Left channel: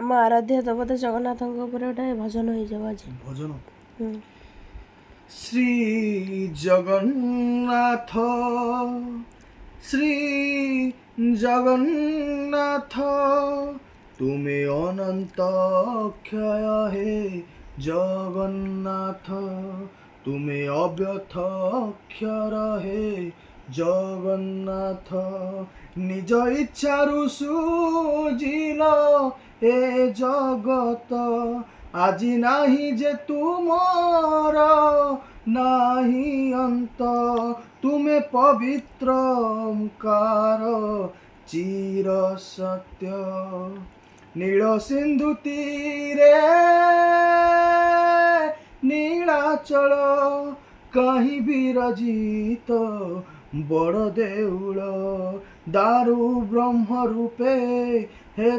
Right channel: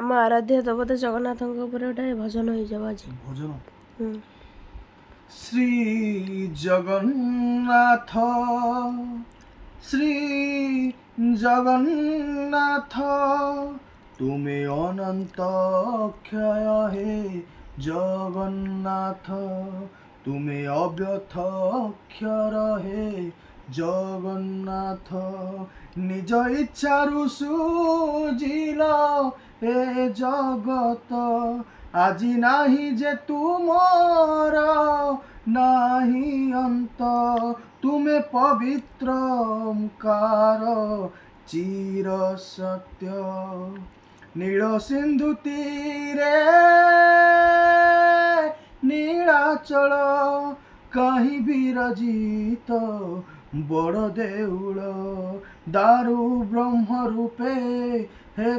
ଆମ ଆରାଧ୍ୟ ଦେବତା ଜଗନ୍ନାଥଙ୍କ ଉପରେ ଗୋଟେ ଭଜନ ହେଇଯାଉ ଆଜି। ଭଜନ ଶ୍ରୀ ଜଗନ୍ନାଥ ଶ୍ରୀ ଜଗନ୍ନାଥ ତୁମେ ଅନନ୍ତ ଅକ୍ଷୟ হে জগন্নাথ ତୁମେ ଅବ୍ୟଥ ଅକ୍ଷର হে জগন্নাଥ নিজ ইচ্ছারু সুজিল এ জগত আজি নাহি যে তুমর নাহি অন্ত তুমে পবিত্র ওঙ্কার চির সত্য নীল সিন্ধু তীরে নীলাচল কাহি বিরজিত বড় দেউল দারু ব্রহ্ম রূপে হে